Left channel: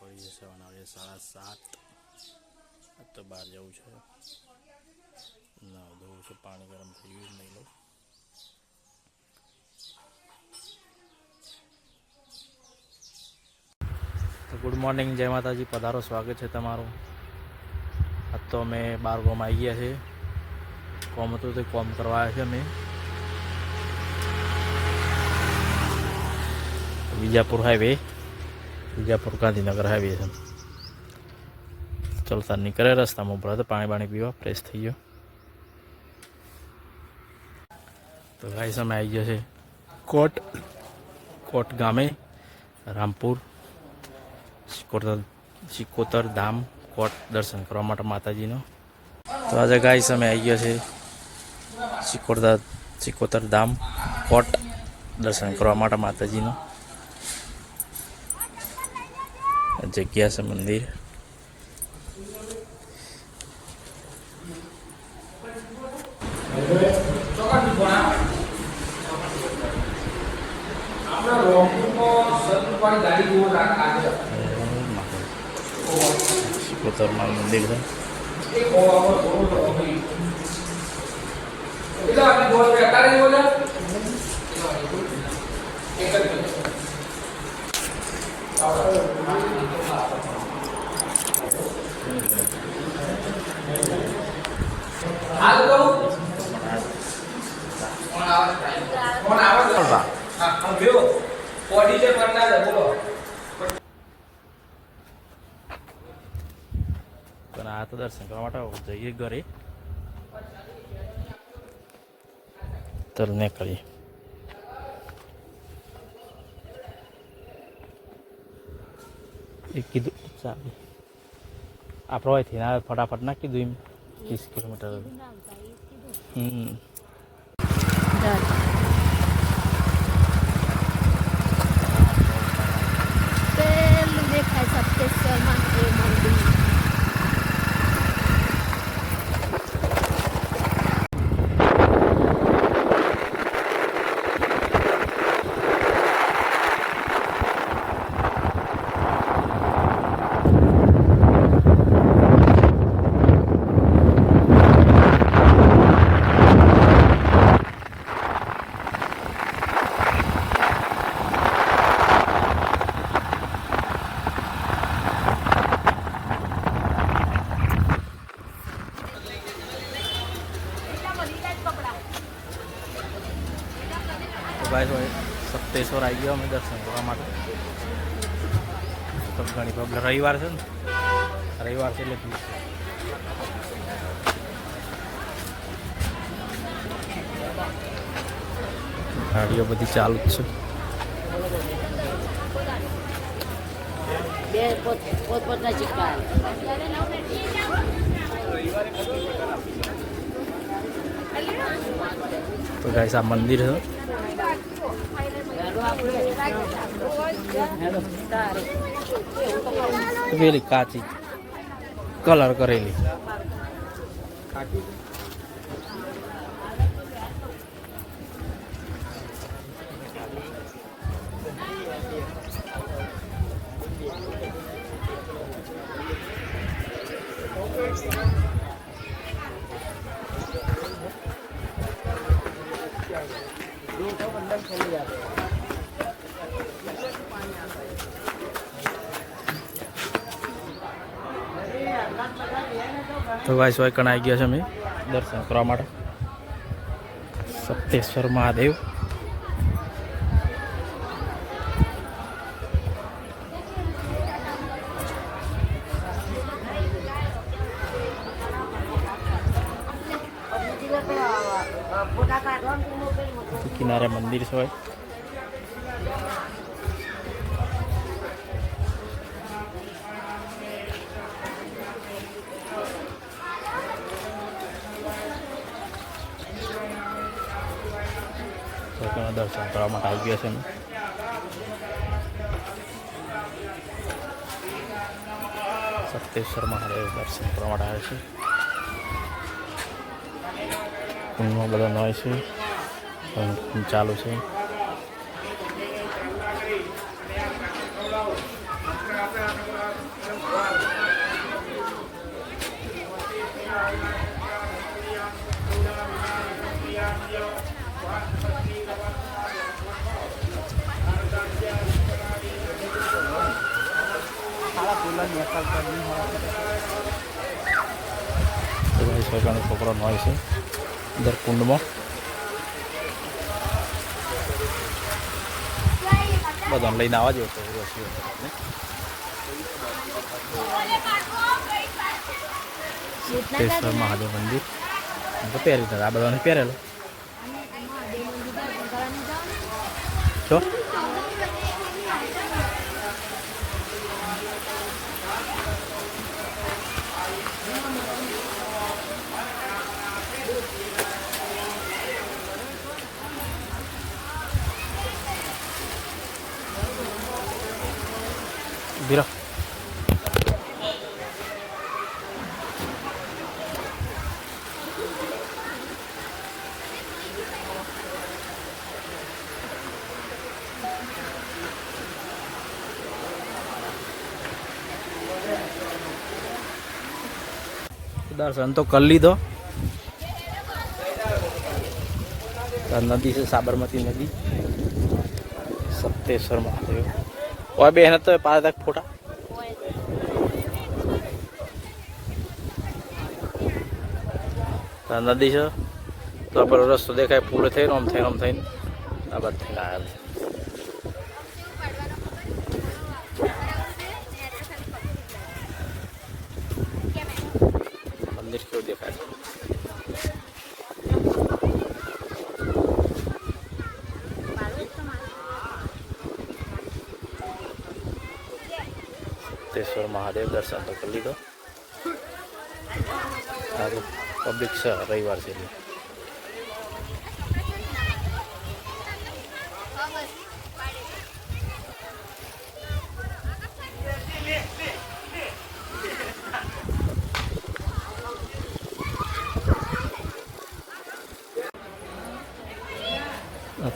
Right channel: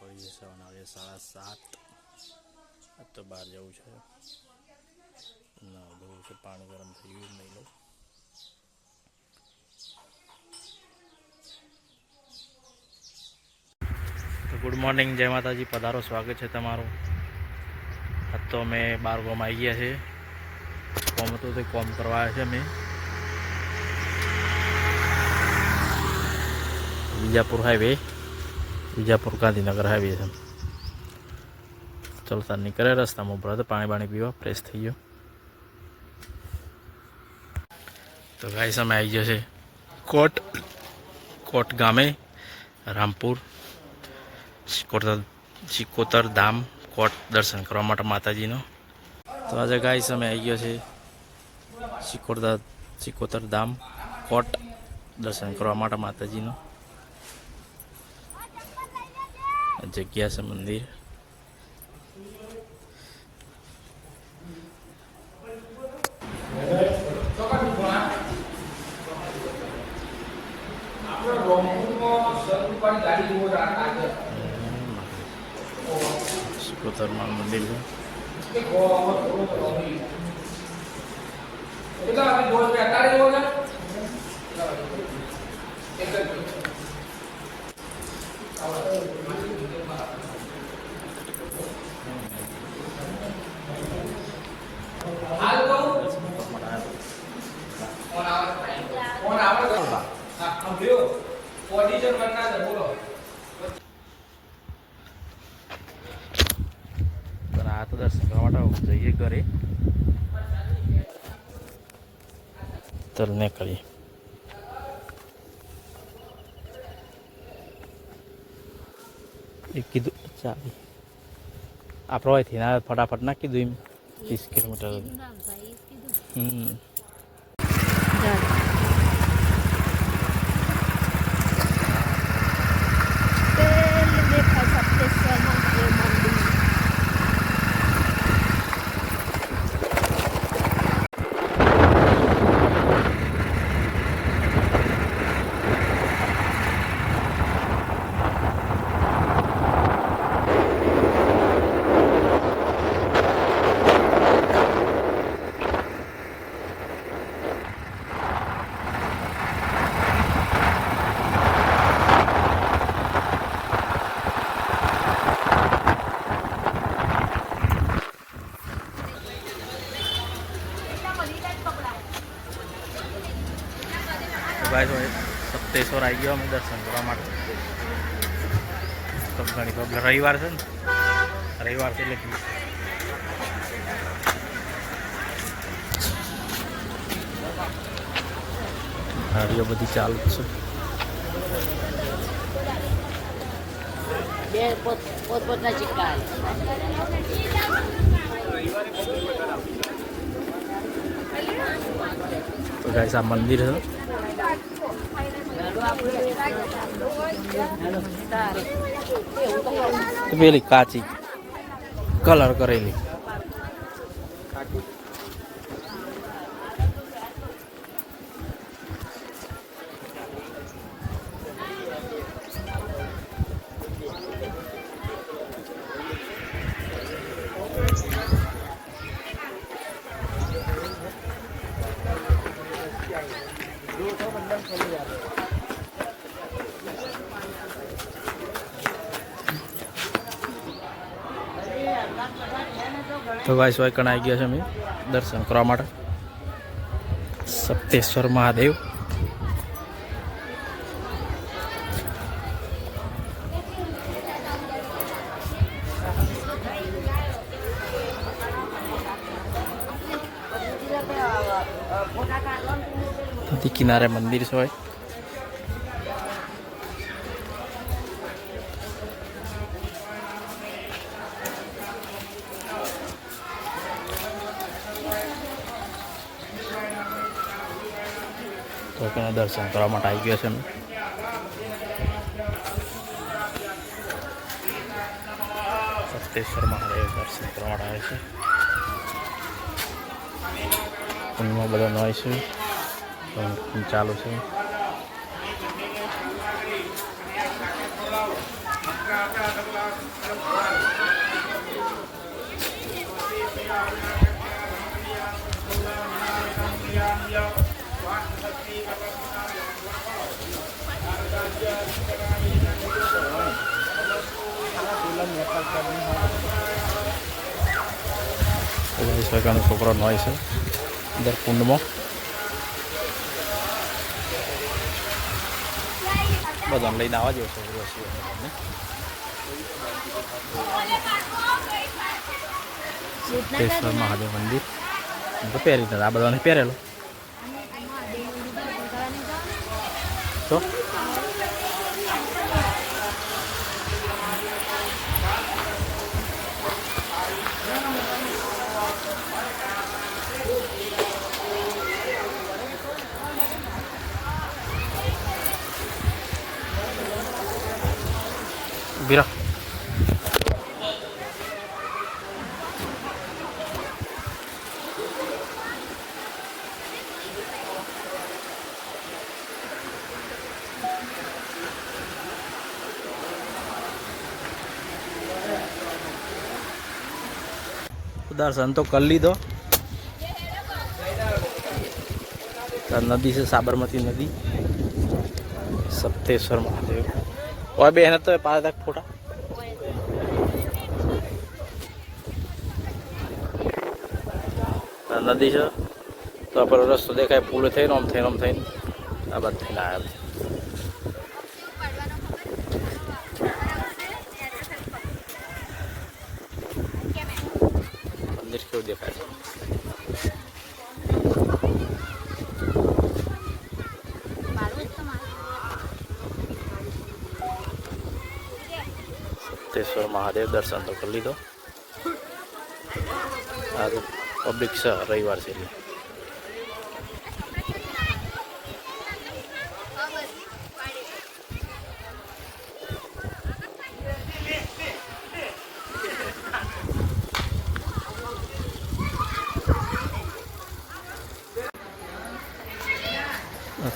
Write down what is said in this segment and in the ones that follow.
પડી જશે વાગે સાડા સાત તો બહાર જવું છે. ના, ધોવું છે, પાણી ગરમ થઈ ગયું નહીં લો તો ગુડ મોર્નિંગ, જય માતાજી. પધારો, સ્વાગત છે તમારું. આજ તો અમે બાર ગોમ આવી ગયા છે કોમ હતું તે કોમ કરવા છે અમે. વિજાપુર હાઈવે વિજાપુર ગાંધીનગર હાઈવે છે. ચલતા નીકળે રસ્તામાં ઉભરા હતા પાણી બાણી પીવા ફ્રેશ થઈ ગયો. તો ગાય સામે આવી ગયો છે કોટ કોટ ગામે, રામપુર, શિકોતર સિકોતર ધામ કોટ દર્શન કરવા માટે માતાજીનો. તો આજે ગાય સામે આવી ગયો છે સિકોતર સિકોતર ધામ કોટ દર્શન કરવા માટે માતાજીનો. જગ્યા છે મંદિર સિકોતરમાં મંદિર છે પણ આ તો દર્શન કરવા માટે જઈએ ઘરે. તલ નીકળીએ. એ કીધું ચાલો. આપણો અહીંથી ના ફટાફટ ના કીધું એમ. ત્રીસ કિલોમીટર. હમ પેલું દેખાય સપ્તેશ્વર મહાદેવ મંદિર તો ભાઈ સપ્તેશ્વર આવી ગયો અમે દર્શન કરવા માટે. તો ઘણી પબ્લિક રવિવાર છે ને? રવિવાર છે એટલે. ગાડીઓ બધી ચાલુ છે. પોતપોતના સિક્કા. તો ગાઈસ આ મંદિર છે. પેલી કાચી. કલર કરેલી. તો ગાઈસ હોય કણ આવી ગયા છે અમે દર્શન કરવા માટે. સપ્તેશ્વર મહાદેવ. કિનારે મંદિર છે હોય દર્શન કરવા માટે આવી ગયા છે અમે. સપ્તેશ્વર મહાદેવ દર્શન કરવા માટે આવે છે. કુંડમાં બધા નોય છે. ચાલુ છે. વીસ વાગ્યાનો છોકરો નોય છે અંદર કુંડમાં બધાને લઈને આવવા જોઈએ છોકરો તમને સિદ્ધેશ્વર મહાદેવ મંદિર તો પહેરી આ બધાને પહેરેલો તો બીરા દર્શન તો કરી લીધો. નદી છે સાબરમતી નદી. સપ્તેશ્વર મહાદેવ. ઓય બે તો પાંચ લાખ ફોટા. નદી છે. તો આપણો રસ્તો દેખાય પૂરો થઈને, આમ થઈને આમ થઈને. આ બાદ થઈને આવ્યા. દેખાય સિદ્ધેશ્વર મહાદેવ દર્શન તો કરી લીધો. આ પબ્લિક છે રવિવાર છે.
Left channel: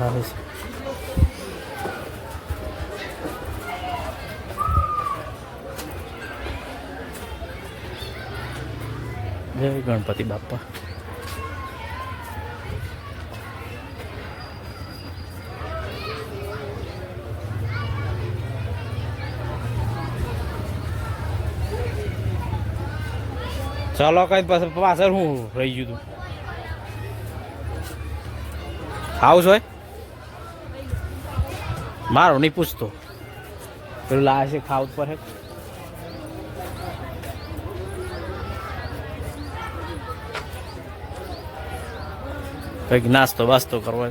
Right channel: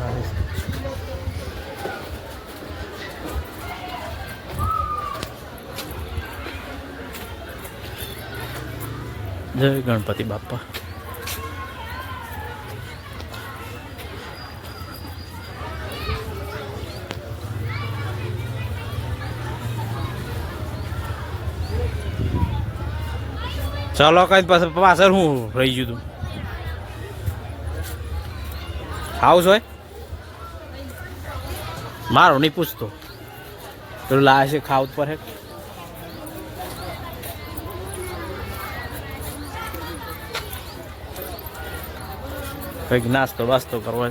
કરાવે છે. જય ગણપતિ બાપ્પા. ચાલો કઈ પાછળ હું રહી ગયું તું. હાઉસ હોય? મારો નહીં પૂછતો. પેલું લાવે છે ખાવ પર હે. કંઈક નાસ્તો વાસ્તો કરવો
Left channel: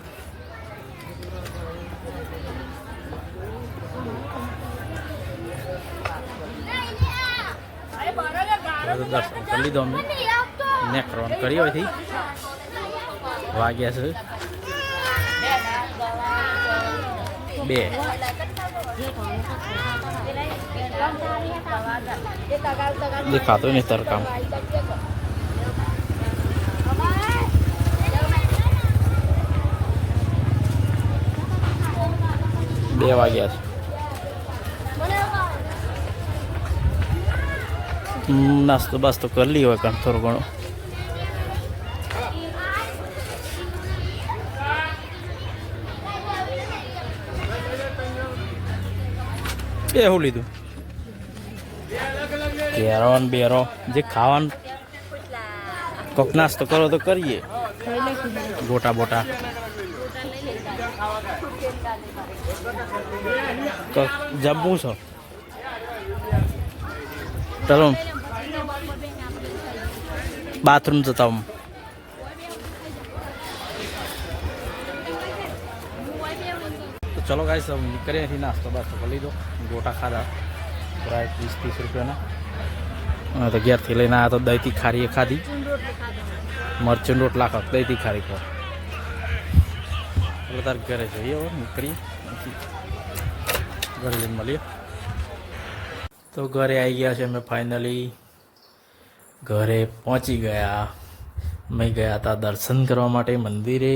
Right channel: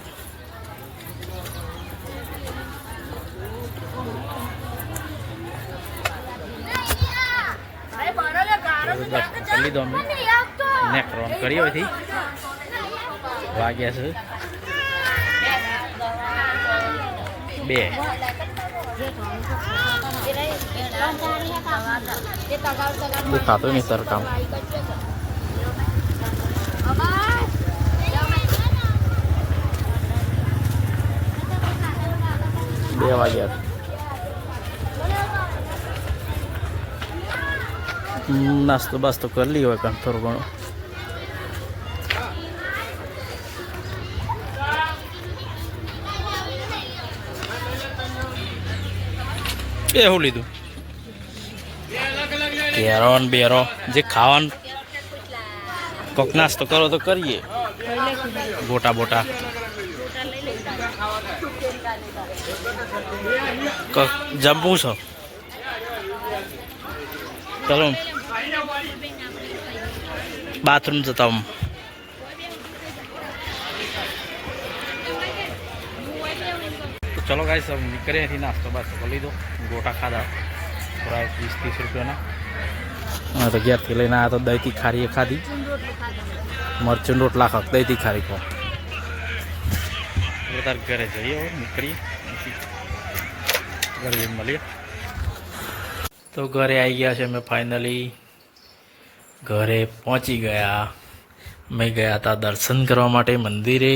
દર્શન કરી લીધો અમે. નેક્સ્ટ રાઉન્ડ કરી હોય વાગ્યા છે. બે. દેખાતો નહીં સરકામ બે વાગ્યા નાસ્તો બાસ્તો કરી લીધો હોય થોડું ઘણું. બે શું લીધું. કેરો ને બેરો. જે ખાવાનું કોક નાસ્તો કરો તો કરીએ. ગોટા બોટા. જમવું છો? ચલો. બાથરૂમ જતા હું ચલો ગાઈસ નીકળીએ અહીંથી નાસ્તો બાસ્તો કરી લીધો. ગોટા ખાધા. થોડા વીસ, ત્રીસ રૂપિયાના. હા તો ઘેરથી લઈને આવ્યા તો દહીંથી ખારી ખાધી. મરચું રોટલા ખાવ, દહીંથી ખારી ખાવ. એટલે તાર ઘરે જઈએ હવે, નીકળીએ. ઘરે જઈને મળીએ. તો ઘરે આવી ગયા છે અમે ફાઇનલી ઘરે પહોંચી ગયા. અમે ગયા હતા દર્શન કરવા માટે મંદિરે.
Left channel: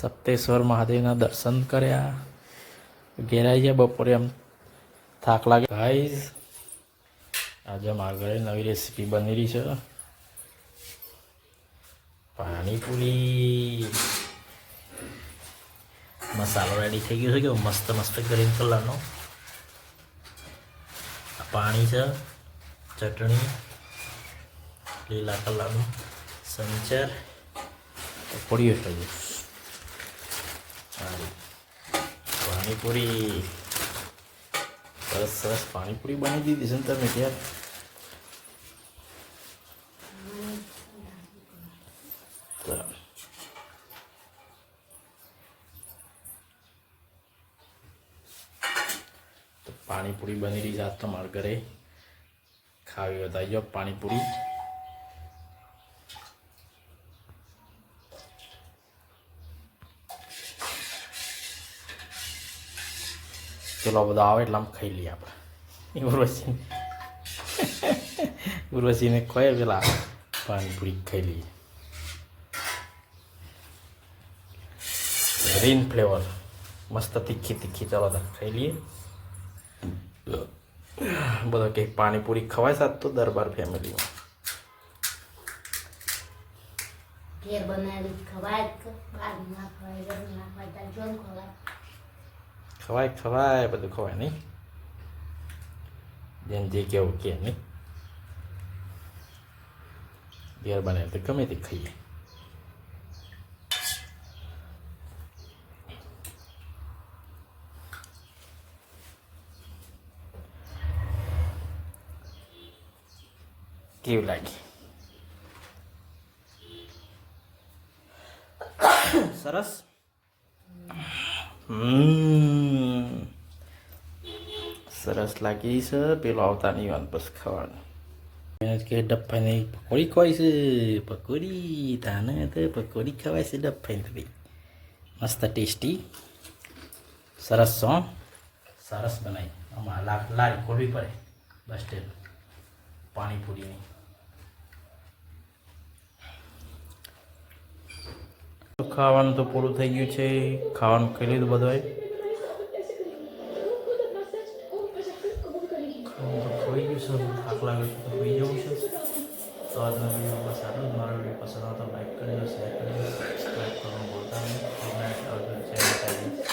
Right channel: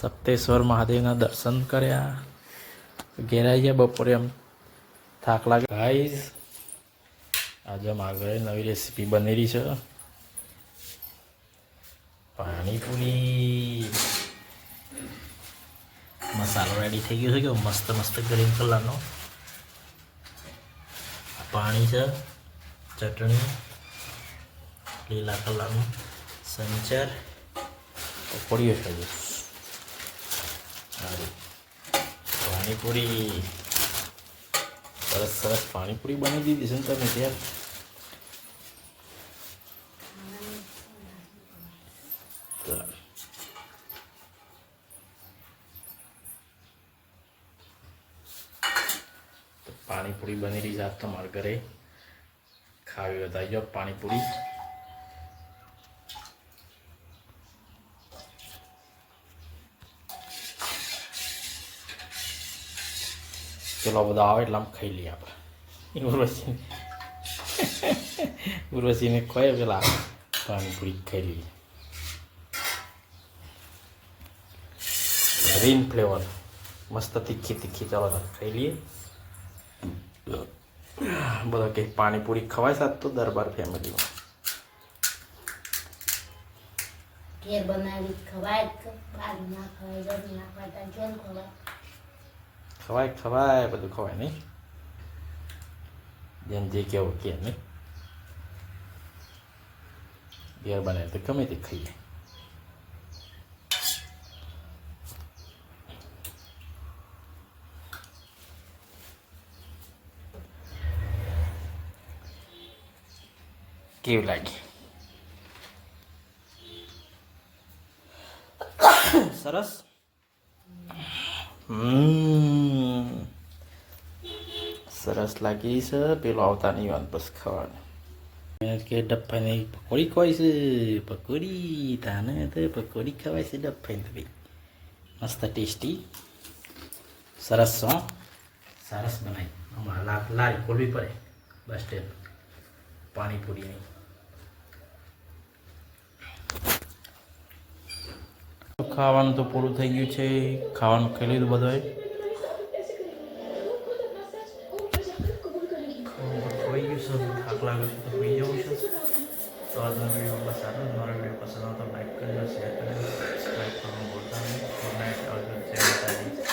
સપ્તેશ્વર મહાદેવના દર્શન કર્યા. ઘેર જાય બપોરે એમ થાક લાગે. ગાઈઝ આજે મારા ઘરે નવી રેસીપી બનેલી છે. પાણીપુરી. મસાલો રેડી થઈ ગયો છે કે મસ્ત મસ્ત ગ્રીન કલરનો પાણી છે, ચટણી, લીલા કલરનું સંચર. પકોડીઓ છે સારી પાણીપુરી. સરસ સરસ પાણીપુરી બની દીધી છે ને તમે ત્યાં? તો પાણીપુરી બની રહી છે આજ તમારા ઘરે. ખાવી બતાવી તો જાઓ પાણીપુરી. પેલો બધો આવે એટલે આમ ખાઈ લઈએ આપણે. ઉર્વશીને. ઉર્વશીને ખોય પેલા પાણીપુરી ખાઈ લઈએ. ગ્રીન ફ્લેવર મસ્ત તીખી તીખી, ચાલો તાર ખાઈ લઈએ. બધો કે પાણીપુરી ખવાય સાથ તો દરબાર ફેમિલીમાં. ઘેર ખવાય ના ખવાય ના ખવાય જોન ખવાય. ખવાય ખવાય બધું ખવાય નહીં. જેમ જે કેવું કે નહીં. ઘેર બને તો ગમે તે ખાઈએ. કેવું લાગે સરસ. હમ. સરસ લાગી છે પેલો આવતા નહીં વાત બસ ખાવાનું એને કે ડબ્બાની પકોડી ખવાય છે પકોડી તાને તો પકોડી ખવાય છે ડબ્બાની તો ભાઈ મસ્ત ટેસ્ટી સરસ હો સરસ બનાવી આમાં લાખ લારી ખોલવી પડે બસ સ્ટેન્ડ પાણીપુરીની ખાવાનું તો પૂરું થઈ ગયું છે ખાવાનું ખાઈ લીધું બધાએ ભૂખ લાગે છે તો પી જવું છું. તો આજનો વીડિયો બસ આટલું જ. મારો વીડિયો પસંદ આવતો લાઈક કરજો શેર કરજો સબસ્ક્રાઈબ કરવાનું ભૂલતા નહીં. ગુડ નાઇટ આવજો, જય